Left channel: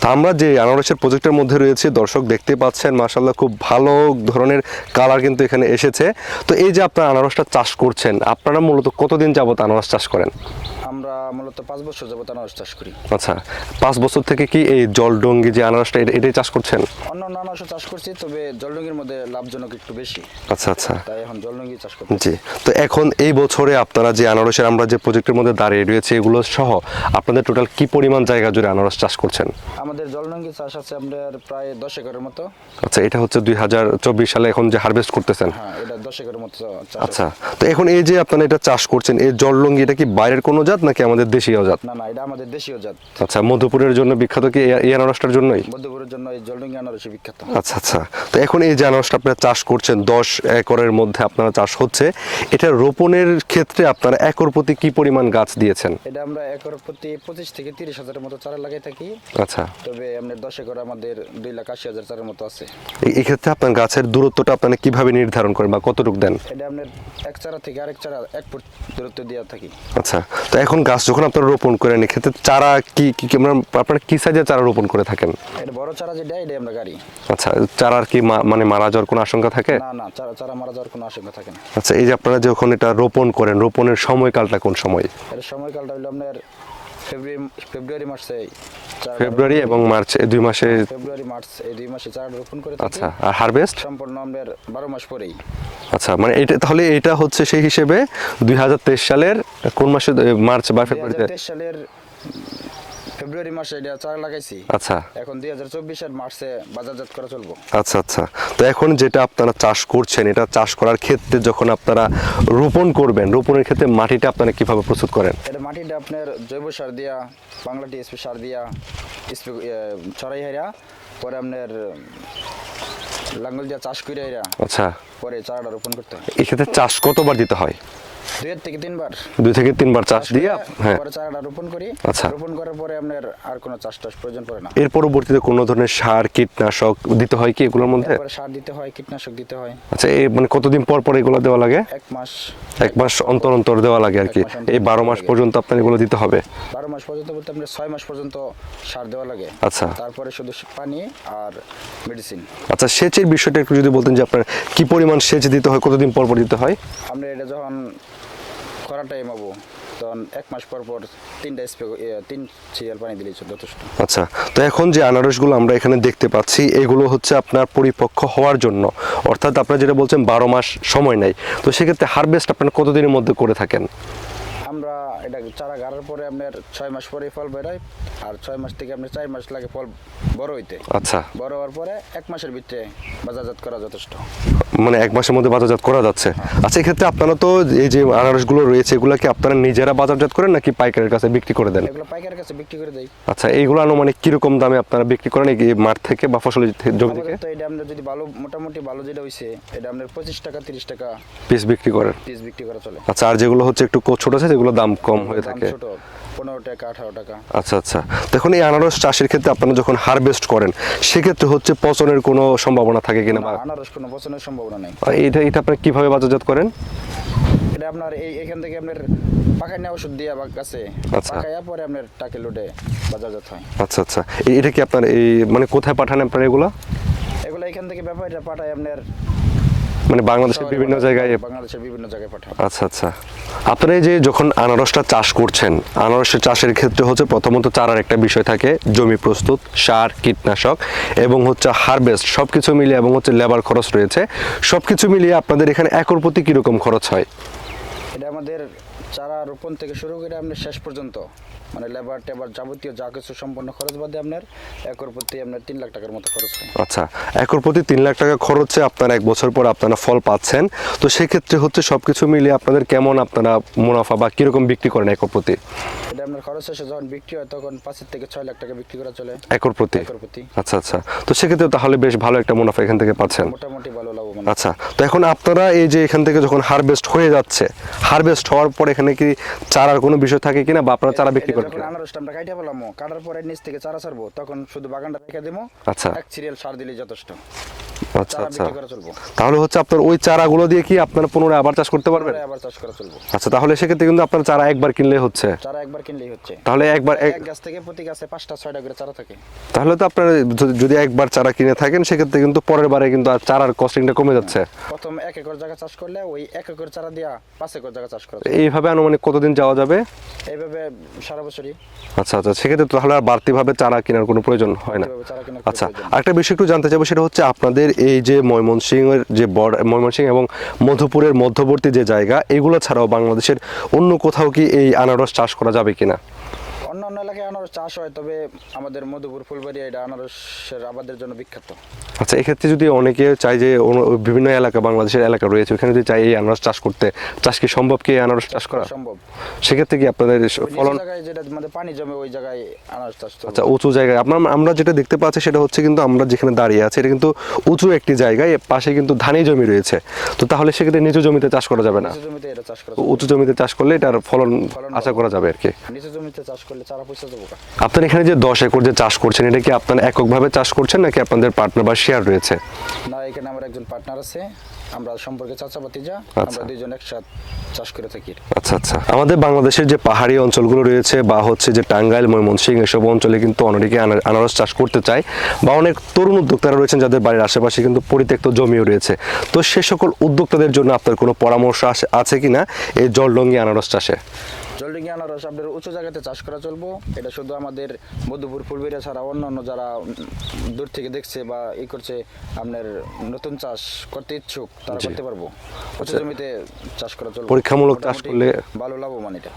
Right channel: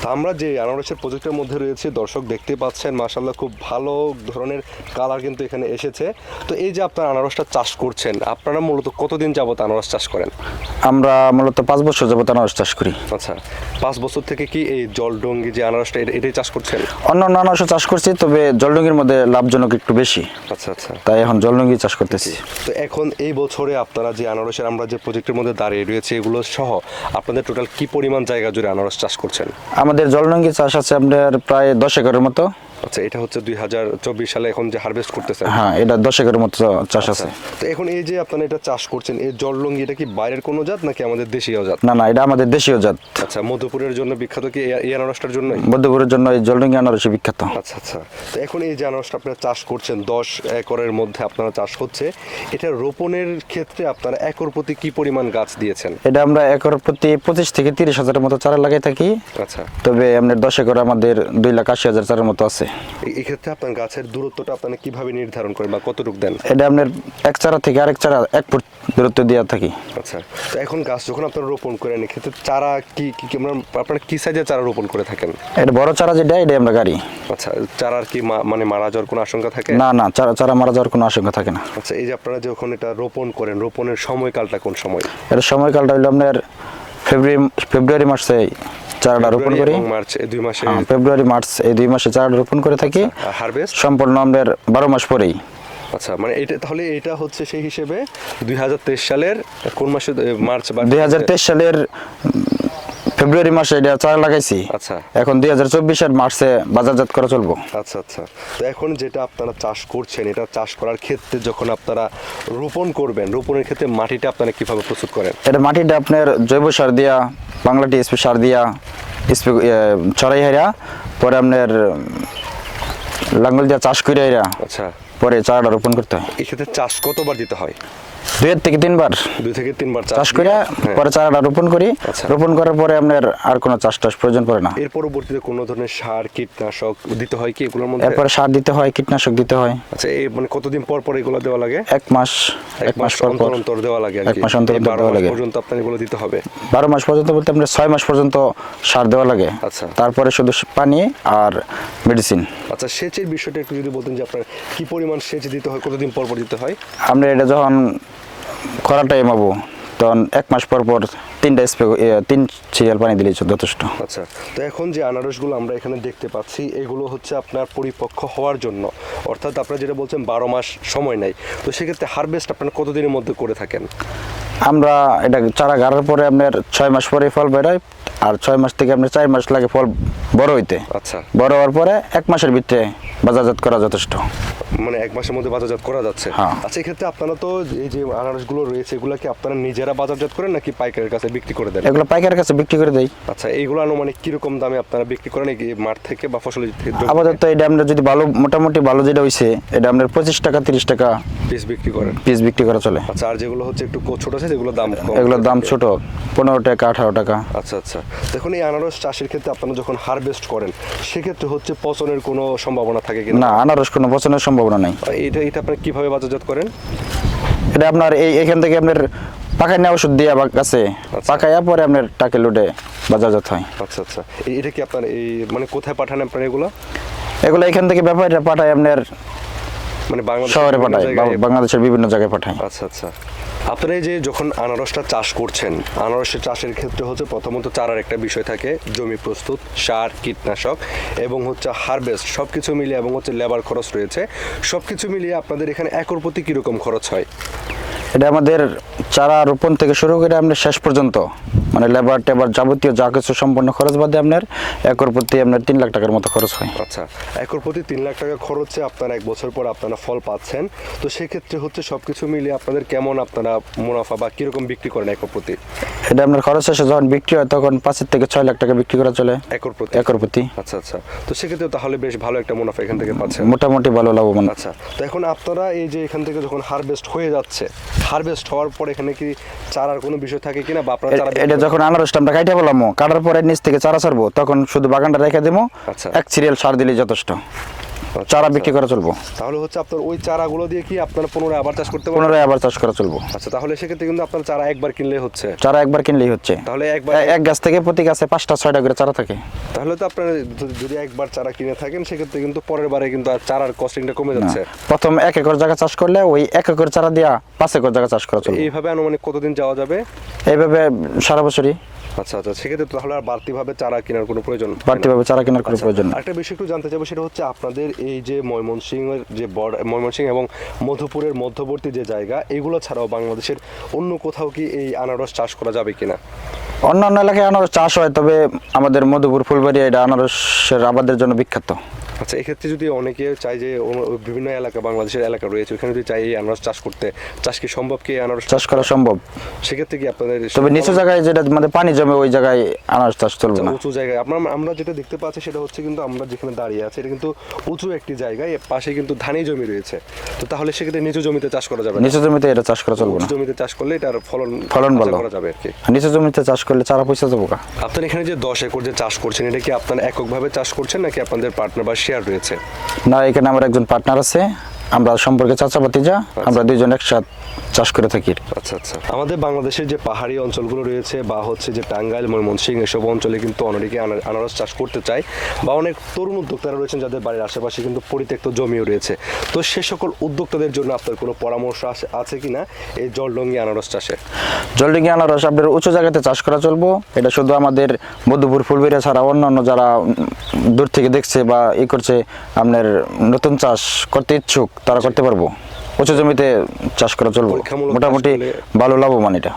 তা আমরা যে আনারসের প্রজেক্টের মধ্যে রয়েছে দর্শক দেখতে পাচ্ছেন মাসাল্লাহ খুব ভালো ধরনের কালার কিন্তু এখানে এসেছে। তো এই যে আপনারা আনারসটা চাষ করছেন আপনারা মূলত কতদিন যাবত আনারস চাষ করেন? আমরা মূলত পাঁচ বছর যাবত আনারস চাষ করি। আচ্ছা পাঁচ বছর থেকে কি এই জলডঙ্গি যে আনারসটা এটাই চাষ করছেন? অন্য অন্য আনারসও চাষ করছি তবে জলডঙ্গির মধ্যে লাভজনক একটু বেশি। আচ্ছা আচ্ছা। তাই এখন জলডঙ্গি চাষ করতেছি। তো এখন এই বছরে আপনারা যে আনারসের আমরা যে প্রজেক্টের মধ্যে দাঁড়িয়ে রয়েছে এগুলো সহ আপনাদের টোটাল কি পরিমাণ জায়গা জুড়ে আনারস চাষ করছেন? আমাদের জলনঙ্গি চাষ আছে আপনার প্রায় দশ একরের মতো। আচ্ছা এটা হচ্ছে দুই হাজার চব্বিশ সালে এখন যে হারভেস্ট করতেছেন। হ্যাঁ এটা দশ একরের মতো চাষ আচ্ছা আছে। তো এখন এই যে আপনারা এটা চাষ করছেন এই এটা কি বাইরের কোনো জাত নাকি আমাদের দেশীয় জাত? না না এটা আমাদের দেশীয় জাত। আচ্ছা মধুপুরের জন্য বিখ্যাত কি এই- আনারসটার জন্যই? জন্য এই জলডঙ্গি আনারসই বিখ্যাত। আচ্ছা আচ্ছা তো এখন এই যে আনারসটা আপনারা চাষ করছেন দশ একরের মধ্যে আপনারা চাষ হচ্ছে এটা রোপণের ক্ষেত্রে আপনারা একর প্রতি কি পরিমাণ গাছ দিয়েছেন? এটা আমরা একর প্রতি পঁচিশ থেকে তিরিশ হাজারের মতো চারা লাগাই থাকি। আচ্ছা। তবে আপনার দশ একর আমাদের দুই লাখ আশি হাজার চারের মতো আছে। এই- এই ক্ষেত্রে আপনার গাছের দূরত্বটা আপনারা কীভাবে নির্ধারণ করেন বা কতটুকু দেন? এটা আপনার এক চারা থেকে আরেক চারা এক ফুট দূরত্ব দেওয়া থাকি। আচ্ছা তো এখন গাছ যখন আপনারা রোপণ করেন এক্ষেত্রে চারা কি কি কি- মানে আপনারা কি সাইজের চারা রোপণ করে থাকেন? এটা বড় চারা যেটা এটা আমরা গাড়ি। আচ্ছা চারার কি মা- মানে মারা যাওয়ার কোনো আশঙ্কা থাকে? না না চারা চারা মারা যাওয়ার কোনো আশঙ্কা থাকে না। আচ্ছা এই যে আপনারা যখন এটা রোপণ করেন রোপণের সময়কালটা কোন সময়? এটা সময়কালটা হলো আপনার ফেব্রুয়ারি ফেব্রুয়ারি মাসে চারাটা রোপণ করি। এবং মার্চ এই দুই মাসে হ্যাঁ, ফেব্রুয়ারি মার্চ এই দুই মাসে চারাটা রোপণ করে থাকি। হারভেস্ট সম্পূর্ণ আমাদের বারো মাস পরেই। আচ্ছা মানে এটা তাহলে এটা হচ্ছে সেই হিসেবে দুই হাজার তেইশ সালের কোন মাসে মার্চ বা দুই হাজার তেইশ সালের ফেব্রুয়ারি মাসে এটা চারা লাগাইছি। আচ্ছা। এখন দুই হাজার চব্বিশের মার্চে বাজারজাত করা চলবো। আচ্ছা আচ্ছা। তো এখন যেটা আপনারা চাষ করছেন এটা চাষ করার ক্ষেত্রে যখন আপনারা রোপণ করবেন রোপণের ক্ষেত্রে মাটিটা আপনারা কীভাবে প্রস্তুত করেন? এটা মাটিটা আপনার জৈব সার দিয়া বাংলা টিএসপি সার দিয়া ছড়াই হাইরা পরে আপনার লাঙ্গল দিয়া চাষ করে হাইরা আচ্ছা। পরে চারাটা রোপণ করতে হয়। এক্ষেত্রে চাষ কতবার দিতে হয়? দুইয়ের থেকে তিনবার। দুই থেকে তিনবার চাষ করে হ্যাঁ। পরে চারাটা রোপণ করি। আচ্ছা। রোপণ করার পরে আপনার আর কোনো চাষ টাস প্রয়োজন পড়ে না। এর পরবর্তীতে কোনো ধরনের সার কীটনাশক দিতে হয় কি এগুলোর মধ্যে? এরপরে সার দিতে হয় কীটনাশক দিতে হয়। আচ্ছা এই মানে কতদিন পর পর এগুলো দেওয়া লাগে? এক মাস এক মাস। অন্তর অন্তর দেওয়া লাগে এক মাস অন্তর বারো মাস পর্যন্ত আপনার এগুলো দিতে হবে? বারো মাস পর্যন্ত বলতে আপনার ছয় মাস পর্যন্ত সার দেওয়া লাগে। আচ্ছা। তারপরে শুধু পানি আর মেডিসিন আচ্ছা সেচের বিষয়টা একটু যদি বলতেন যে আপনার কি পরিমাণ সেচ দিতে হয় কতদিন পর পর দিতে হয়? আমরা এটা যখন খরা টাইম হব তখন এক মাস পর পর তিনটা স্প্রে তিন সিরিয়াল পানি দিলেই যথেষ্ট। আচ্ছা তো এখন যে আনারসগুলো আমরা এখানে দেখতে পাচ্ছি এগুলো হচ্ছে আপনার পরিপক্ক হওয়ার জন্য। অর্থাৎ আপনারা যেটা বলছেন বারো মাস সময় নেই তো সেক্ষেত্রে হারভেস্ট আপনারা কতদিনের মধ্যে করে থাকেন? আমরা এটা চারা গাড়ার পরে আপনার ছয় মাস পরে ফল বেরোয় আর ছয় মাস থেকে আপনার চার মাস লাগে ফল বড় হইতে। আচ্ছা। বড় হওয়ার পরে এক মাসের ভিতরে বাজারজাত করা যথেষ্ট। মানে এক মাসের মধ্যে বাজারজাত করা যাচ্ছে। হ্যাঁ। আচ্ছা এক্ষেত্রে আপনারা তো এই যে আনারসগুলো রয়েছে এগুলো কি আপনারা নিজেরা বাজারজাত করেন নাকি পাইকারের কাছে বিক্রি করে দেন? এগুলো পাইকারের কাছে বিক্রি করে দেয় আচ্ছা এইগুলো আনুমানিক কীরকম দামে আপনারা বিক্রি করেন? এই মাঠ থেকে বা ফসল আপাতত এটা আমরা যদি ভালো মোটামুটি ভালো যেটা হইছে এটা আপনার পঁচিশ টাকা তিরিশ টাকা পিস বিক্রি করেন? পিস বিক্রি করা চলে। আচ্ছা আর যেগুলো হচ্ছে একটু ছোট আছে সেগুলো দাম কম এগুলোর দাম। ছোট পনেরো টাকা আঠারো টাকা। আচ্ছা আচ্ছা। দেখুন এই আনারস চাষের ক্ষেত্রে আপনারা যখন হারভেস্ট করেন সেক্ষেত্রে হচ্ছে পচনের কোনো সম্ভাবনা থাকে কিনা? না আনারস কোনো পচনের সম্ভাবনা নেই। এটা এটা আপনারা কীভাবে বাজারজাত করেন? এটা আপনার এই এখান থেকে আপনার পাকায় নেওয়া ওষুধ দিয়ে আবার কাছে আচ্ছা। পাকাইয়া পরে আপনার টাকে লুটে বাজারজাত হয়। আচ্ছা আচ্ছা। এটা কি আপনার এই মানে কোথায় পাঠান আপনার এগুলো? এগুলো এখান থেকে ব্যাপারীরা পাঠায় আপনার মানে বাংলাদেশের বিভিন্ন জায়গায়? বাংলাদেশের বিভিন্ন জায়গায় পাঠায়। আচ্ছা আচ্ছা। আপনারা যে যখন আনারসটা চাষ করছেন, আনারসের চাষের ক্ষেত্রে হচ্ছে প্রথমত চারার একটা বিষয় থাকে, জমি প্রস্তুত, সার, কীটনাশক এবং হচ্ছে হারভেস্ট সব কিছু মিলিয়ে এবং হচ্ছে লেবার খরচ রয়েছে। সব কিছু মিলিয়ে আপনাদের এখানে একর প্রতি কীরকম খরচ হয়? এটা আমাদের চারা রোপণ থেকে শুরু করে আপনার শেষ পর্যন্ত। মানে লেবার টেবার যাবতীয় যা কিছু সম্পূর্ণ খরচ বাদে আপনার একর প্রতি আপনার তিন লাখ টাকার মতো খরচ হয়। আচ্ছা একর প্রতি তিন লাখ টাকা খরচে আপনারা এক বছর পর আপনারা ফল পাচ্ছেন। তো সেক্ষেত্রে হচ্ছে সবকিছু মিলিয়ে আপনাদের কেমন আপনারা মুনাফা বা কীরকম বিক্রি করেন একর প্রতি? এটা আপনার খরচ শেষে যখন বিক্রি হয় তখন পাঁচের থেকে ছয় লাখ টাকা বিক্রি করা চলে। একর প্রতি? একর প্রতি। আচ্ছা আচ্ছা। তো সেক্ষেত্রে তাহলে বেশ ভালো একটা মুনাফা এখান থেকে পাচ্ছেন। মোটামুটি ভালো লাভবান। আচ্ছা তো এখন আপনারা এই যে এখান থেকে যখন হারভেস্ট হয়ে যাচ্ছে হারভেস্ট হওয়ার পর এখানে কি চারার কোনো বিষয় থাকে কিনা বা আপনারা চারা এটা যখন আনারসটা আমরা কাটিয়ে বললাম কাটার পরে নিচ থেকে চারা ছাড়বো তখন শুধু বাগানটা রেখে দেবো আচ্ছা। এক সিরিয়াল সার দিলেই যথেষ্ট চারা আচ্ছা। বিক্রি করা চলবো। তাহলে হচ্ছে আপনার ওই চারাগুলো দিয়ে কি আপনারা পুনরায় আবার চাষ করতে পারবেন? আবার চাষ করা চলবো। আচ্ছা তাহলে সেক্ষেত্রে কিন্তু আপনার চারা একবার কিনলে হচ্ছে। চারা একবার কিনলেই হচ্ছে। তাহলে একবার এক গাছ থেকে প্রতি গাছে পাঁচটা ছয়টা করে চারা থাকে। তাহলে তো আপনার যদি- একবার চারা কিনে থাকেন সেক্ষেত্রে কিন্তু পরের বারে কিন্তু আর চারার কস্টিংটা কমে যাচ্ছে। প্রথম এক একর জায়গা চাষ করলে ওই এক একর চারা দিয়া পাঁচ একর জায়গা চাষ করা চলবে। এইভাবে আনুমানিক কতদিন যাওয়া যাবে? এইভাবে সারা বছরই। আচ্ছা আচ্ছা সেক্ষেত্রে তাহলে আর বাড়তিভাবে চারা কেনার কোনো প্রয়োজন বাড়তিভাবে চারা কেনার কোনো আচ্ছা, প্রয়োজন একটা বিষয় একটু জানতে চাইব সেটা হচ্ছে আপনাদের এই যে ময়মনসিংহের যে বর্ডার ময়মনসিংহ এবং মধুপুরের মধ্যবর্তী যে জায়গা এগুলো ছাড়াও বাংলাদেশের অন্য কোথাও কি এই আনারস চাষ করা যাবে কিনা? অন্য অন্য এলাকায় আনারস চাষ হয় তবে আমাদের মধুপুর ফুলবাড়ি এটা আনারসের আবাদের জন্য বিখ্যাত। আচ্ছা এক্ষেত্রে যদি অনেকে চায় যে বিভিন্ন এলাকা বাংলাদেশের এলাকা রয়েছে ওখানে যদি চাই এই আনারস চাষ করতে চাষ কি সম্ভব কি আনারস চাষ করা সম্ভব। সেক্ষেত্রে কি আপনাদের তবে নিচু জায়গায় যেটা মানে পানি জমে ওই জায়গায় আনারস চাষ চলবে আচ্ছা। উঁচু জায়গায়। আপনার আমরা যেটা দেখতে পাচ্ছি সেটা হচ্ছে কিন্তু আমরা যেখানে দাঁড়িয়ে আছি এটা কিন্তু উঁচু একটি জায়গায় পাশে কিন্তু ধানি জমি রয়েছে। তো তাহলে সেক্ষেত্রে নিচু জমিতে চাষ করা যাবে না? নিচু জমিতে এটা চাষ করা চলবে উঁচু জমিতে চাষ করলে এটার ফলন ফলন ভালো। করা যাবে আর কি। নিচু জমিতে চাষ করলে চারা পয়সা যাব আপনার এখানে যে দশ একর যে চাষ করছেন এটা কি আপনার এককভাবে চাষ করছেন নাকি আপনাদের পার্টনার বা শেয়ার রয়েছে। না এখানে আমার একজন পার্টনার আছে। আমরা সম্পর্কে চাচা ভাতিজা আমরা দুইজন একসাথ চাষ করে থাকি। আচ্ছা আচ্ছা। আমাদের বাংলাদেশের যে পাহাড়ি অঞ্চলগুলো রয়েছে বা হচ্ছে যে টাঙ্গাইল ময়মনসিংহ এসব অঞ্চলে কিন্তু অনেকে আনারস চাষ করতে চায় বা অনেক তরুণ উদ্যোক্তারা রয়েছেন যাদের বাড়ির আশেপাশে কিন্তু পরিত্যক্ত জমিও রয়েছে। তো সে সকল উদ্যোক্তাদের জন্য আপনার কোনো পরামর্শ আছে কিনা এই জলডঙ্গি আনারস চাষে? জলডিঙ্গি আনারস আপনার উঁচু জায়গাতে চাষ করা চলবো। এটা শুধু আমাদের মধুপুর ফুলবেড়িয়া ছাড়া অন্যান্য যারা দূর থেকে দেখছে বা ই করছে আপনার নতুন চাষ করতে ইচ্ছুক তারা করতে পারব। উঁচু জমিতে চাষ করা চলবে। পরীক্ষামূলক মোটামুটি ভালো লাভবান এটা।